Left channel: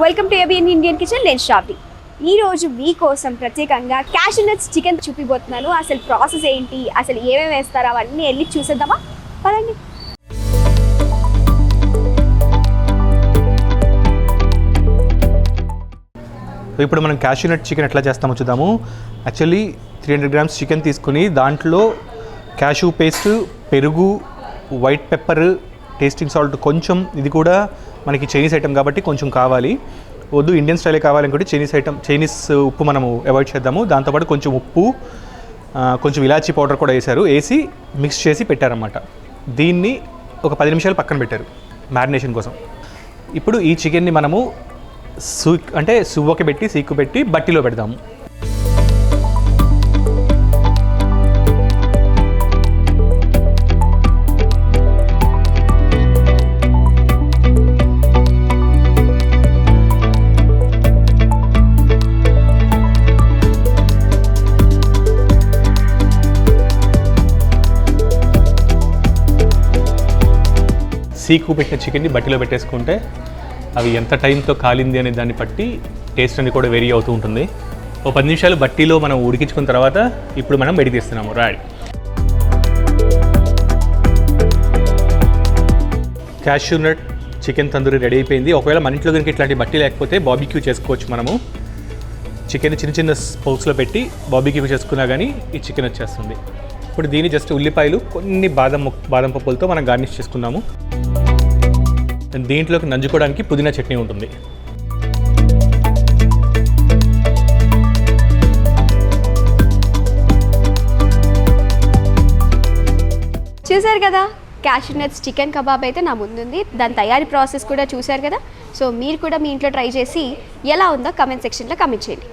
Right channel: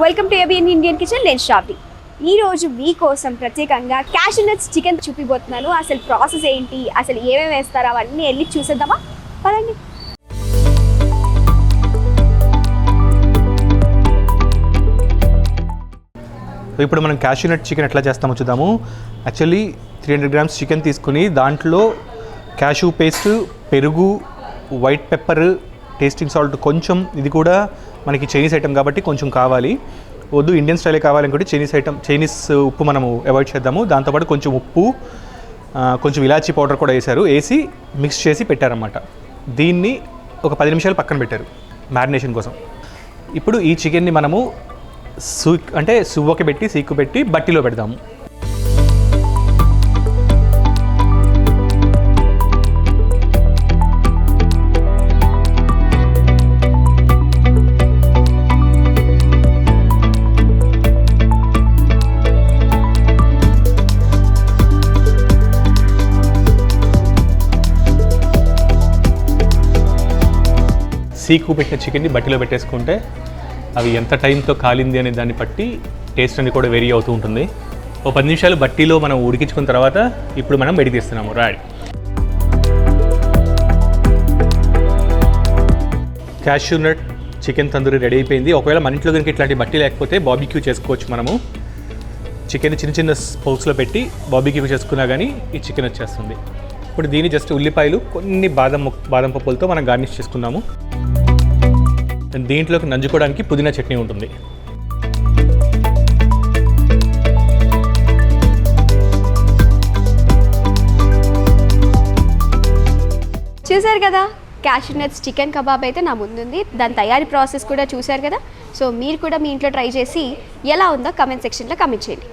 Welcome to ABN Indian kitchen. నేను శ్రావ్ని. ఈ రోజు మీకోసం ప్రత్యేకంగా క్యాష్యూ నట్స్ చికెన్ చూపిపోతున్నాను. అసలు ప్రాసెస్ ఏంటి, అసలు ఏమేమి వేస్తారో అవన్నీ వెళ్ళి చూసేద్దామా? పదండి. ఇప్పుడు మనం క్యాష్యూ నట్ చికెన్ ఎట్లా చేస్తామో చూద్దాము. యాక్చువల్లీ 300 grams చికెన్ తీసుకుని దాంట్లో క్యాష్యూ పేస్ట్, పెరుగు, వైట్ పెప్పర్, టేస్టింగ్ సాల్ట్ కొంచెం, ఇది కూడా మనకి చైనీస్ ఐటమ్ కాబట్టి కొంచెం కావాలి. వద్దు ఇండియన్ స్టైలే కావాలనుకుంటే చైనీస్ ఉప్పు మనము అవాయిడ్ చేద్దాము. దాంతోపాటు కొంచెం ఉప్పు, కొంచెం ఇలాచీ పౌడర్ కూడా వేసి మిక్స్ చేసి పెట్టారన్నమాట. దీన్ని ఒక 10 నిమిషాలు పక్కన పెట్టారు మ్యారినేషన్ కోసం. ఇప్పుడు ఈ చికెన్ని మనము సువ్వకి పెట్టి సీకు పెట్టి బట్టిలో పెడదాము. సీకు పెట్టిన చికెన్ని బట్టిలో పెట్టేసుకుంటే అవి ఎంత టైంతో కాలింది అనే దాన్ని బట్టి టేస్ట్ అనేది కూడా వేరీ అవుతూ ఉంటుంది. ఓ 10 నిమిషాలు బట్టీలో మనం ఉడికించుకున్న తర్వాత ఇప్పుడు మనం బయటికి తీస్తున్నాము. రాడ్ cashew nut chicken tandoori ready అయిపోయింది. ఒకవేళ మన ఇంట్లో కనుక ఇట్లాంటి బట్టి లేకపోతే బార్బిక్యూ చేసుకోవచ్చు. మనము చికెన్ చిన్న చిన్న పౌచ్లో పెట్టి బార్బిక్యూ చేసుకున్నా కానీ ఈ చికెన్ వచ్చేస్తుంది. ఇప్పుడు దీన్ని జస్ట్ ఉల్లిపాయలు, కొన్ని బాదం పప్పులతో మనం గార్నిష్ చేసుకుందాము. దీంట్లోకి నంజుకోవడానికి పుదీనా చట్నీ ఉంటుంది. చూసారు కదా, క్యాష్యూ నట్స్ చికెన్ కబాబ్ అయితే నా ముందుంది. దాని తయారీ ప్రాసెస్ కూడా చూసారు కదా. సో మీరు కూడా మీ ఇంట్లో ట్రై చేసి ఎలా ఉందో కమెంట్ సెక్షన్లో కమెంట్ చేయండి.